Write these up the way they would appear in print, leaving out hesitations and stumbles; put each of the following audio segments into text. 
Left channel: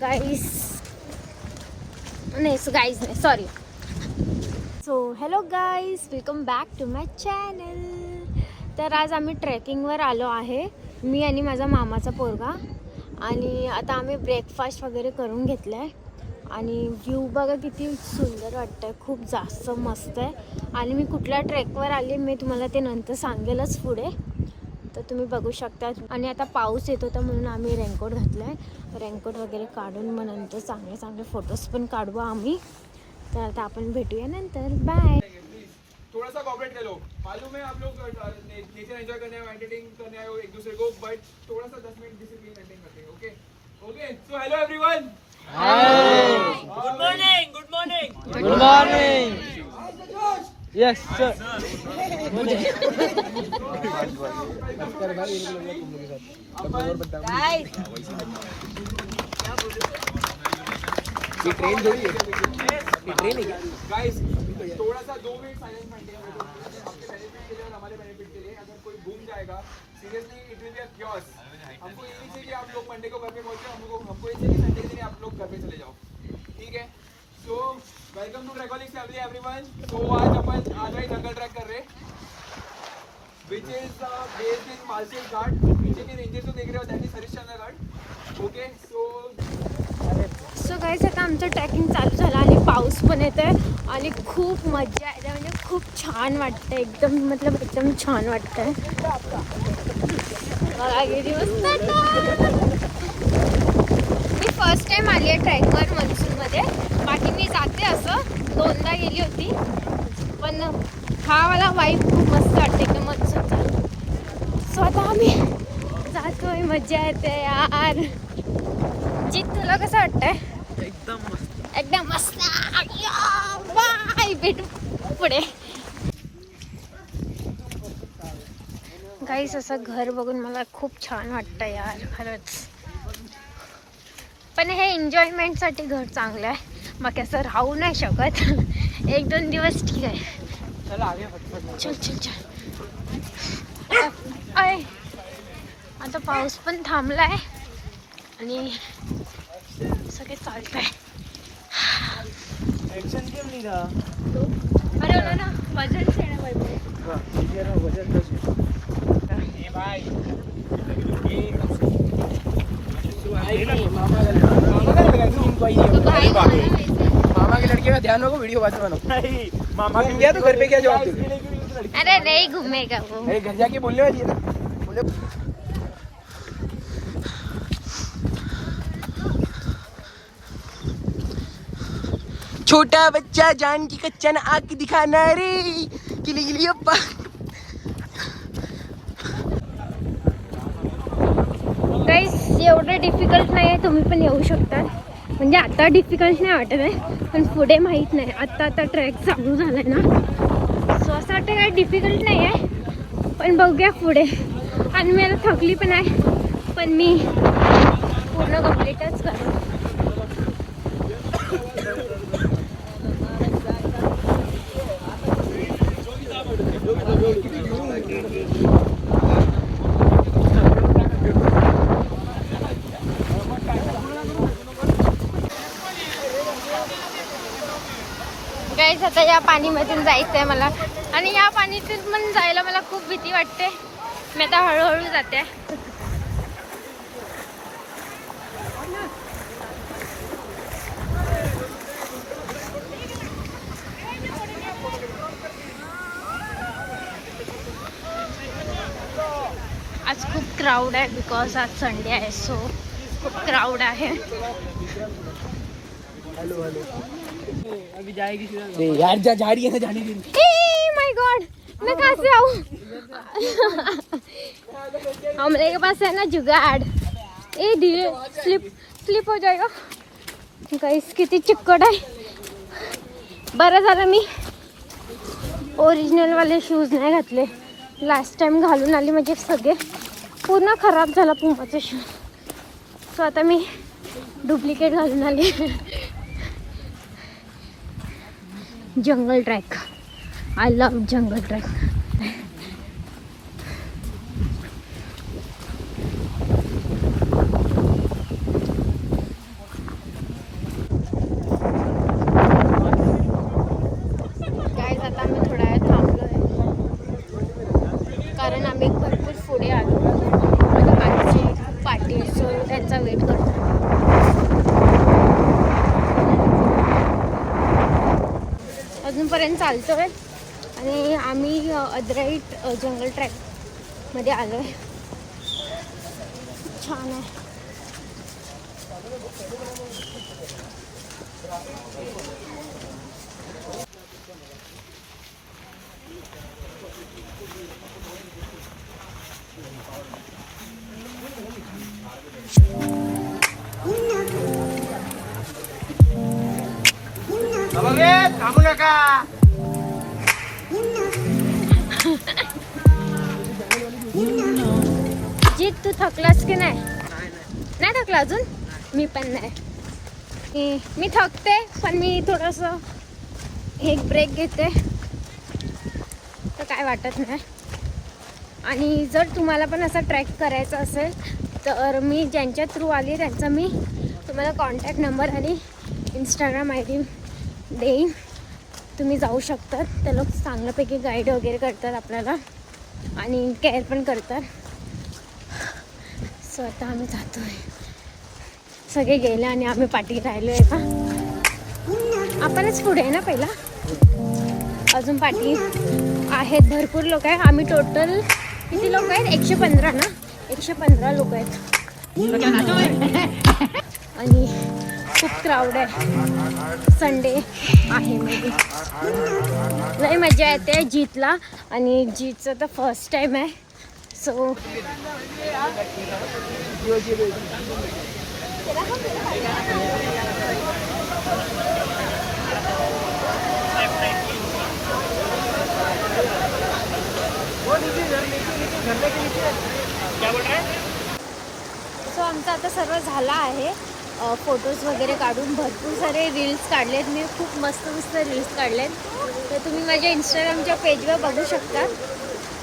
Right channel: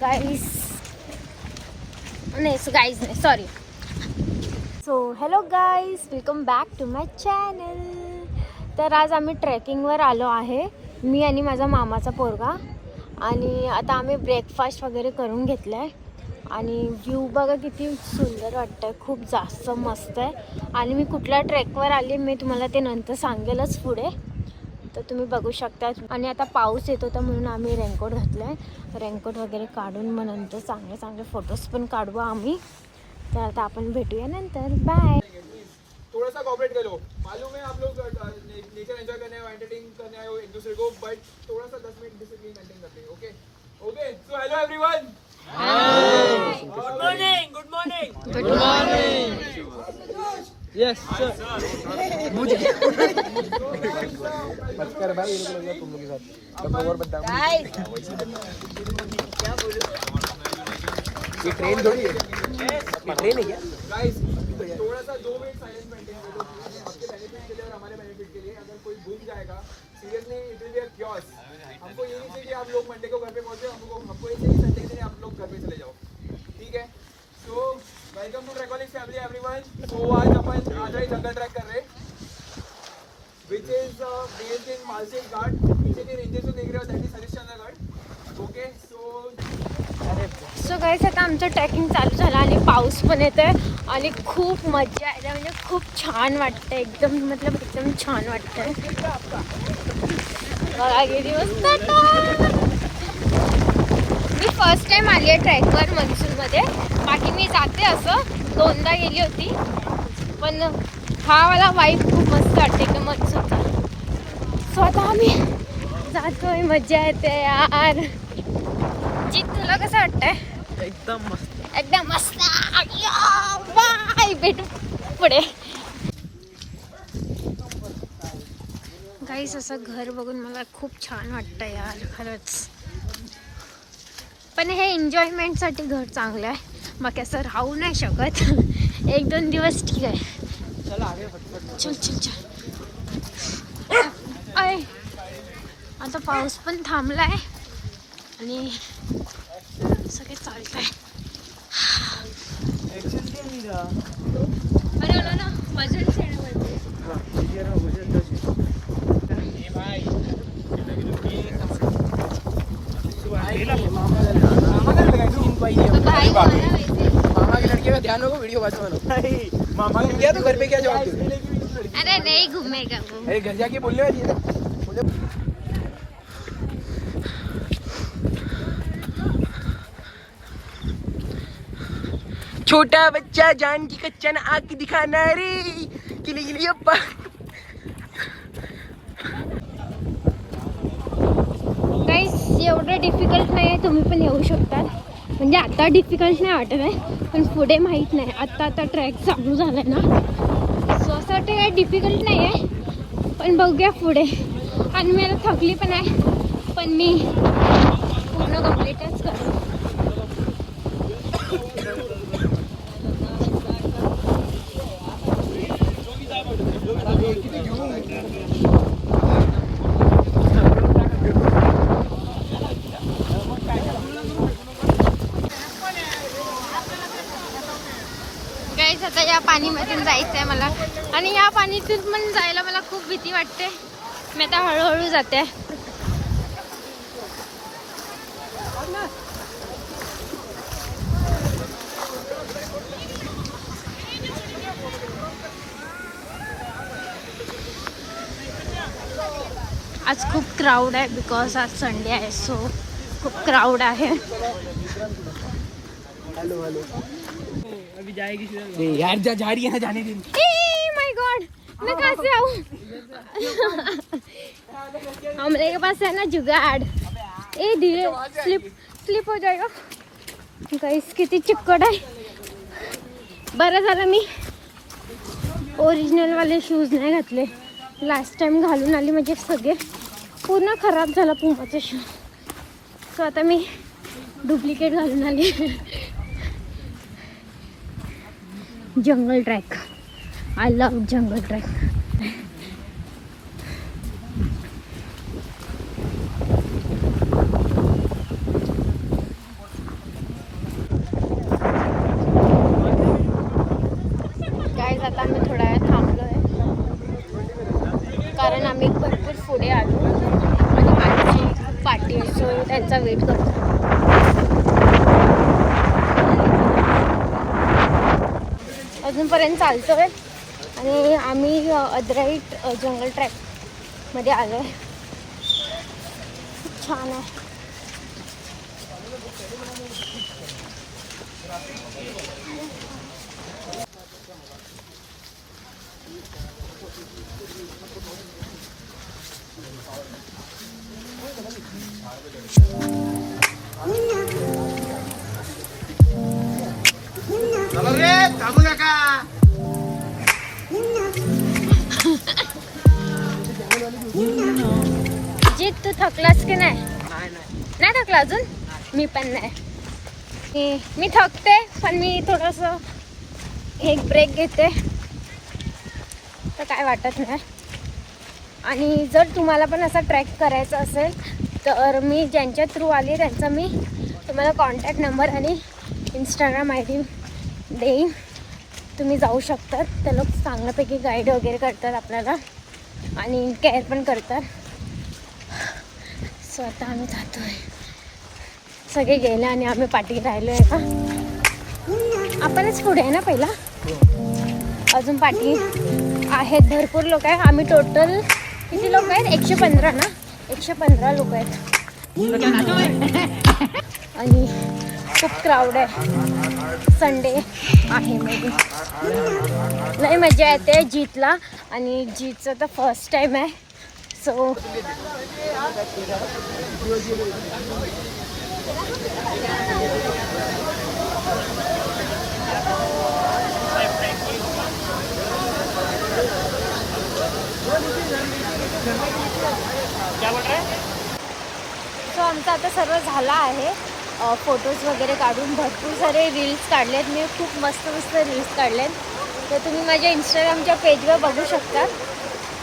गाईस नाही sorry. So hello guys, welcome back to my channel. तर आज आम्ही ट्रेकिंगवर आलो आहे, मी आणि माझा मामाचा पोरगा. आणि आता आम्ही ब्रेकफास्ट वगैरे करून घेतलं आहे. आणि व्ह्यू बघा किती सुंदर वाटतं आहे, खूप जास्त मस्त आहे. आणि मी कुठल्या ट्रेकवर आली मी तुम्हाला ते नंतर सांगेलच पुढे, तर तुम्ही बघू शकता. आणि आता पाऊस येत होता म्हणून आम्ही रेनकोट घातलं आहे. रेनकोट वगैरे काढून मग नंतर चांगले चांगले फोटोज पण काढू आम्ही. तर आता आपण भेटूया नंतर. बाय. थोड़ा सा कॉपरेट कर लो. मालूम है आप लोग नेचर एंजॉय करने आए, एंटरटेन करने आए हो एक दूसरे को, बट थोड़ा सा 10 मिनट डिसिप्लिन मेंटेन करते हैं. Okay okay. So hello everyone. Good morning. Good morning. Good morning. Yes sir. Guys थोड़ा सा 2 मिनट साइलेंस मेंटेन कर लो आपके बेनिफिट के लिए और हमारे बेनिफिट के लिए. अगर कोई घूम जाएगा seriously it will be a chaos. हमको ये नहीं चाहिए कि आप लोग मंडे को घर पे पहुंचे, हमको ये चाहिए कि संडे के दिन आप लोग घर पे चले जाओ. ठीक है. So welcome to Trekoholic family everyone. तो आज अपन आजराई जंगल ट्रैक कर रहे हैं, which is based in Malshej ghat. पीछे के रेंजेस जो देख रहे हो that is Harishchandra ghat. Okay. So guys आता आमचं ट्रेकिंग चालू झालं आणि पाऊस पण येत आहे आणि खूप मजा येते, म्हणजे खूप छान वाटतं एकदम, मतलब एकदम छान वाटतं. बघा किती मस्त वाटतं. मी फर्स्ट टाइम आली आहे ट्रॅकवर मनसूरमध्ये. बाकी मी जाते असं 2दा गेली होती, पण हा वाला वाईब खूप मस्त वाटते एकदम मनसूरचा. सो आता आम्ही जातोय, मजा येते यार. जीत तुला कसं वाटतंय? एकदम मस्त. एकदम मस्त. बाय, भेटू पुढे. गाईस असं घर बघून मला खूप छान वाटतं यार, खरंच. पण हे एन्जॉयमेंटसाठी घर चांगलं आहे, मग असं राहू नाही शकत. 1-2 दिवस ठीक आहे. चल चल चल. आता पाऊस पण थांबलाय आणि सगळे चालतंय. एक्शन केम नहीं था. अरे ना वजन शेअर करते. ये ना वजन दस. मामा की लड़की का ध्यान रखो, वीडियो बचवाना. मामा ने किया तो घर पे क्या जवाब दे. अरे नहीं घूमेगा वो. घर जाके बोलने वाली है. छोटा बच्चा जान की कच्चन आंख दिखाना रे. किली किली अप्पा. गाईस एवढं डिफिकल्ट नाही आहे, तुम्ही पण येऊ शकता. म्हणजे आता डिफिकल्ट नाही वाटत आहे, पण पुढे माहीत नाही. आता ट्रॅक चालू झाला आहे ना, सो असं वाटतं काय डिफिकल्ट नाही आहे, पण बघूया पुढे. आणि मी आता थकली पण आहे, पण मी पूर्ण कम्प्लीटच करेन. गाईस आता या पाणीमधून जायचं आहे मला, आणि या पाणीतून पण जायला मला खूप भीती वाटते. मी आता हळूहळू जाते. आज खूप क्राऊड आहे, बिकॉज आज संडे आहे, सो खूप क्राऊड आहे. अभी जाएगी यार. जा रही है ना, जाने दी. माय गॉड, मैं कहाँ से आऊँ? हमरे के पास है ना जुगाड़. ए धीरे, स्लिप हो जाएगा. गाइस किती चिक्कड आहे. बरं झालं मी ओरिजिनल वाले शूज नाही घातले. लास्ट टाइम घालून आले, म्हणजे सगळे पूर्ण खराब झाला पुंपाचे शूज. सो आता मी डुप्लिकेट घालून आले. Jungle trek, I love jungle trek. आम्ही भरपूर पुढे आलो आणि माझी खूप पार्टी आहे सो त्यांचा वेट करतो. अजूनपर्यंत चालतोय आणि आम्ही अद्राईट जंगल ट्रॅकमध्ये आलो आहे. खूप छान आहे. जीत तू थकलास की नाही? नाही थकला अजून? मी पण नाही. मी थकते पण मी थोडंसं एक ब्रेक घेते तर काय वाटत नाही. आणि जर तुम्हाला पण असा ट्रॅक करायचा असेल तर मी ज्यांच्या थ्रू आली त्यांचा मी तुम्हाला कॉन्टॅक्ट नंबर आणि इंस्टाग्राम ID देईन. तुम्ही जाऊ शकता. ते लोक चांगल्यापैकी गाईड वगैरे करतात आपल्याला आणि केअर पण करतात. सो आता आम्ही जातो आहे. सगळे गेले आणि आम्ही पाठी राहिलो आहे का? आपणच पुढे आहे ना पहिला. अजून पाठी आहेत भरपूर लोक आहे. आम्ही टोटल किती लोक आहेत? 115 ना? 115 लोक आहेत आणि खूप क्राऊड आहे. संडे आहे मे बी. लई मजा येते जीतला आणि जीतचं तर फर्स्ट टाईम आहे. सो आमचं आता सर्व झालं आहे. फोटोज वगैरे काढून भरपूर सारे रील्स काढलेत. मी खूप मस्त मस्त रील्स काढलेत. तर तुम्ही माझ्या इंस्टाग्रामच्या पेजवर बघू शकता.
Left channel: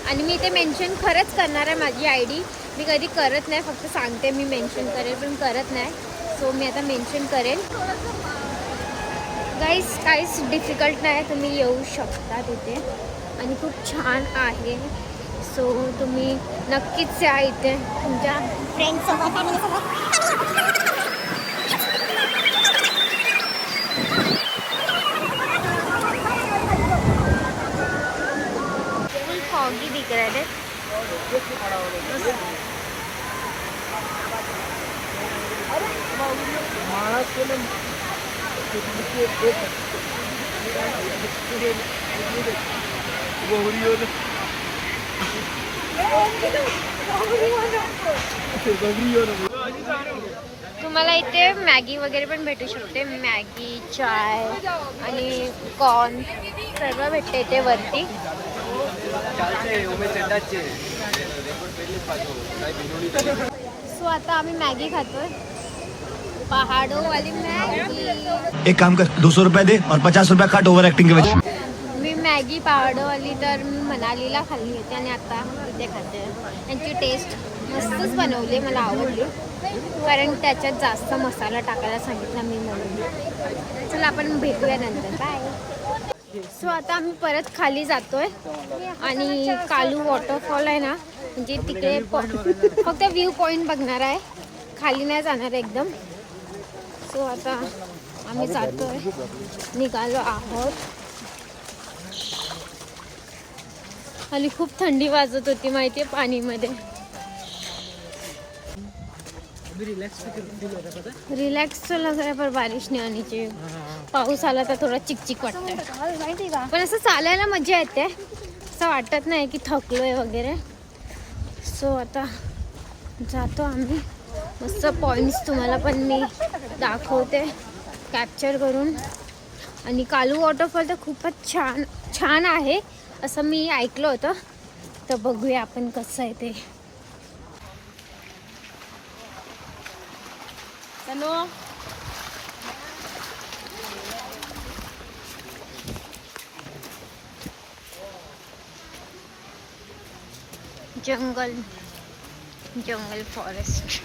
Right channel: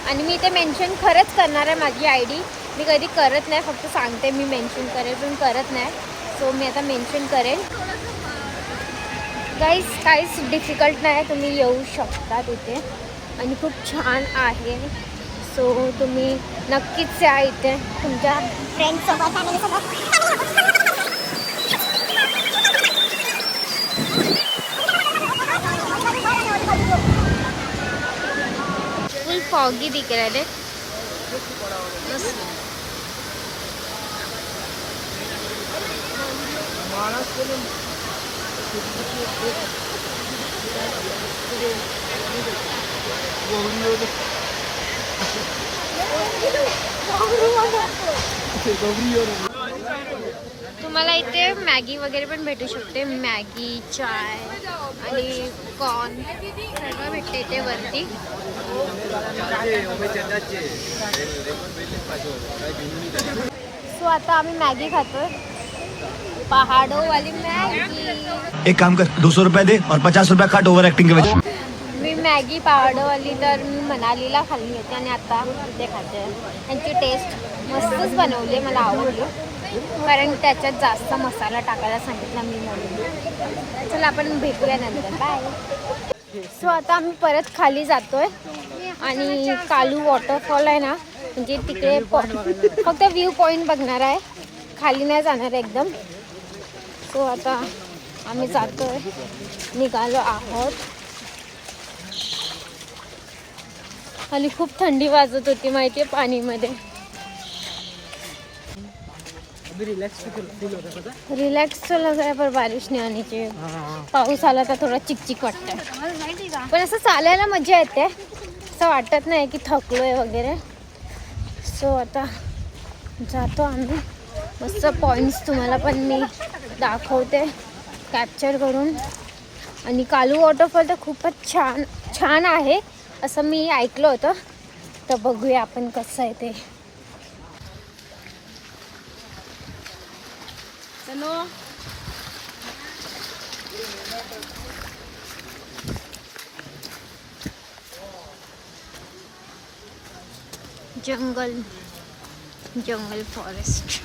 आणि मी ते मेन्शन खरंच करणार आहे माझी ID. मी कधी करत नाही, फक्त सांगते मी मेन्शन करेल पण करत नाही. सो मी आता मेन्शन करेन. गाईस काहीच डिफिकल्ट नाही. तुम्ही येऊ शकता तिथे आणि खूप छान आहे. सो तुम्ही नक्कीच या इथे तुमच्या फ्रेंड्ससोबत फॅमिलीसोबत. फुल फॉगी दिख रहा है. तुम्हाला इथे मॅगी वगैरे पण भेटू शकते. मॅगी, चाय आणि कॉर्न सर्व भेटते इथे वरती. सो आता आम्ही मॅगी खातोय. पहाड़ों वाली मॅगी. एक काम कर 200 रुपए दे और 50 रुपए काट ओवर एक्टिंग के वजह. मी मॅगी पहाड़ोवाली तर मी मनालीला खाल्ली होती आणि आता इथे खाते. त्यांची टेस्ट मस्तच बनवली, मला आवडली कारण त्याच्यात जास्त मसाला टाकायला सांगितला मी म्हणून. चला आपण भेटूया नंतर. बाय. सो आता आम्ही परत खाली जातोय आणि कालू वॉटरफॉल आहे ना, म्हणजे तिकडे फक्त व्ह्यू पॉईंट बघणार आहे, खाली नाही जाणार एकदम. सो आता आम्ही जातोय, निघालो आहोत. आणि खूप थंडी वाजत होती माहिती आहे पाणीमध्ये. रिलॅक्स तो लग रहा है पर बारिश नहीं आनी चाहिए. पाऊस आला तर थोडा चिकचिक वाटतंय पण असं चालायला मजा येते. असं वाटत नाही की थकलोय वगैरे. सो आता जातो आम्ही. मस्त पॉईंट्स तुम्हाला पण मी दाखवते कॅप्चर करून. आणि कालू वॉटरफॉल तर खूपच छान छान आहे असं मी ऐकलं होतं. तर बघूया आपण कसं आहे ते. Jungle forest.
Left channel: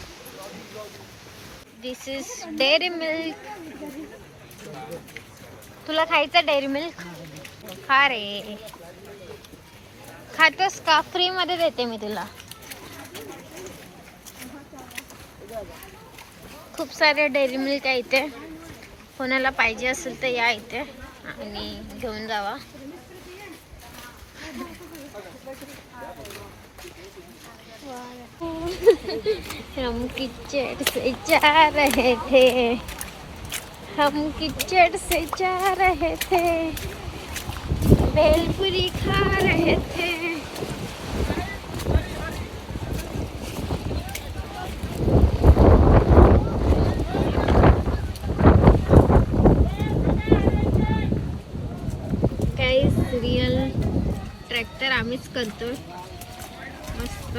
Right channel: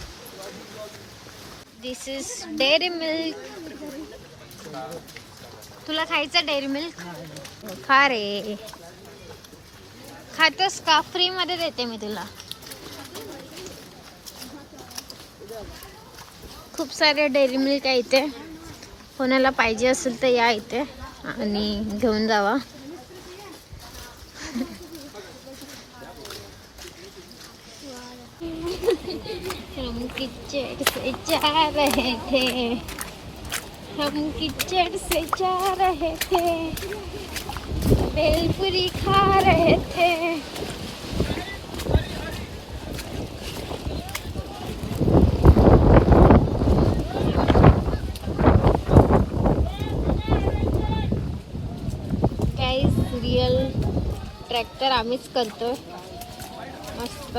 This is Dairy Milk. तुला खायचं डेअरी मिल्क? खा रे. खातोस का? फ्री मध्ये देते मी तुला. खूप सारे डेअरी मिल्क आहे इथे. कोणाला पाहिजे असेल तर या इथे आणि घेऊन जावा. हम किचड़ से जा रहे थे, हम किचड़ से जा रहे थे, भेलपुरी खा रहे थे. गाइस रियल ट्रॅक्टर आम्हीच करतोय. मस्त.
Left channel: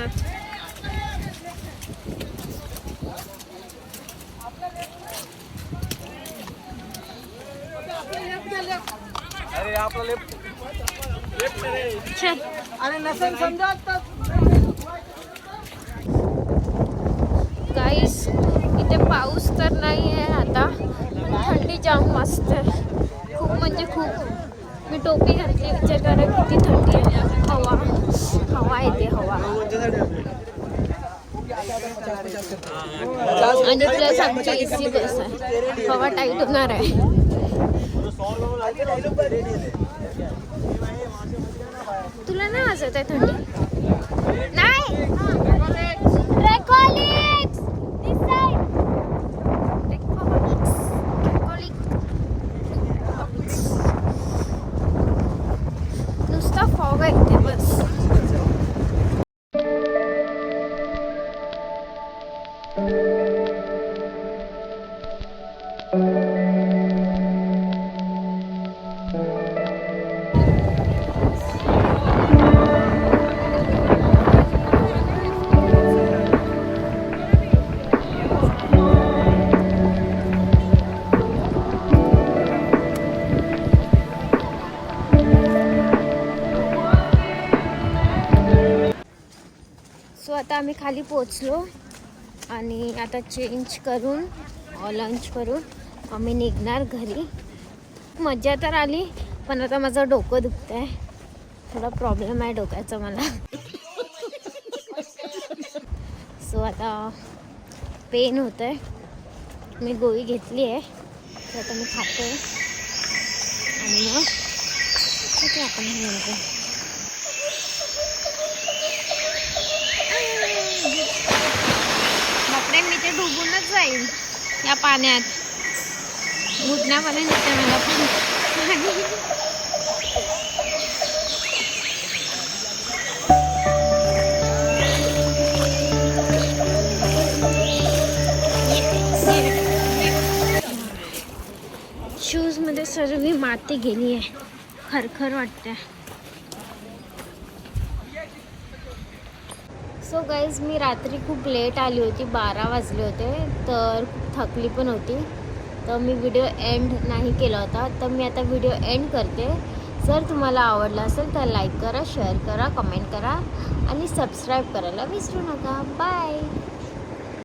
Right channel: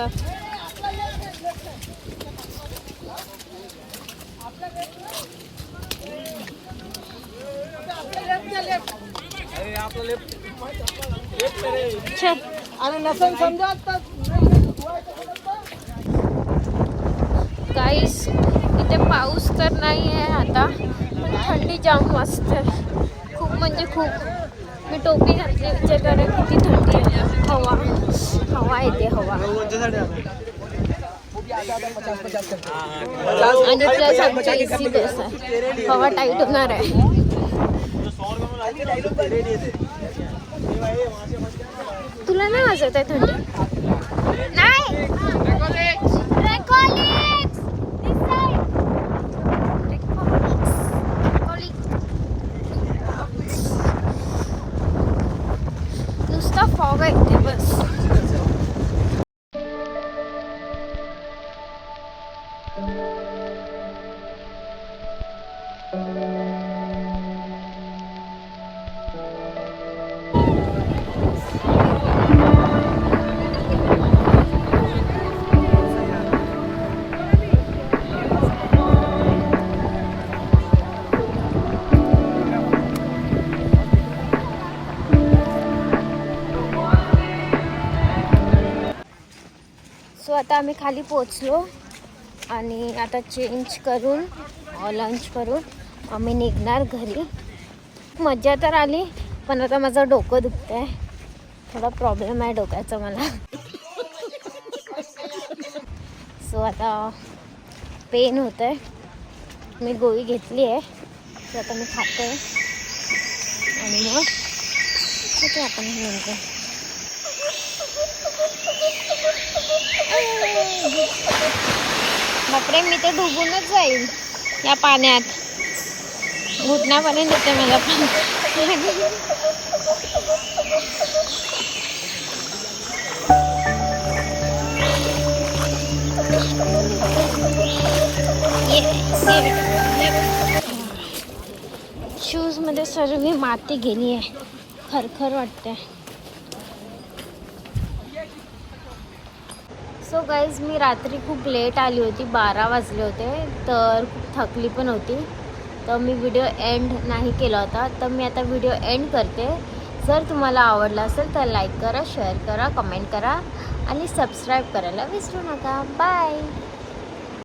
अरे आपला लेफ्ट चल. गाईस इथे पाऊस तर नाही आहे आता, पण थंडी जाम मस्त आहे. खूप म्हणजे खूप. मी टोपी घातली विचार करा किती थंडी आहे. हवा येते हवा. आणि प्लस आमची AC बस आहे. हवा टाईट होणार आहे. तुला नाही वाजत आहे थंडी? नाही. नुसता फॉग आहे बस. सो आता आम्ही खाली पोचलो आणि आता चेंज करून लंच करून आम्ही निघणार घरी. मजा तर आली, पण आता माझं डोकं दुखतं आहे. थोडा प्रॉब्लेम आहे डोक्याचा मला. सो आता पेन होत आहे. मी गोळी घेतली आहे, तर आता मी खाते आणि मग खाते आपण नंतर. बापरे, मी ते डुबूनच जाईल या पाण्यात. घुटण्यापर्यंत येते मला पण. शूज मध्ये सर्व माती गेली आहे. खरखर वाटते. सो गाईज मी रात्री खूप लेट आली होती. 12 वाजले होते, तर खूप थकली पण होती. तर मी व्हिडिओ एंड नाही केला होता, तर मी आता व्हिडिओ एंड करते. जर तुम्हाला आवडला असेल तर लाईक करा, शेअर करा, कमेंट करा आणि सबस्क्राईब करायला विसरू नका. बाय.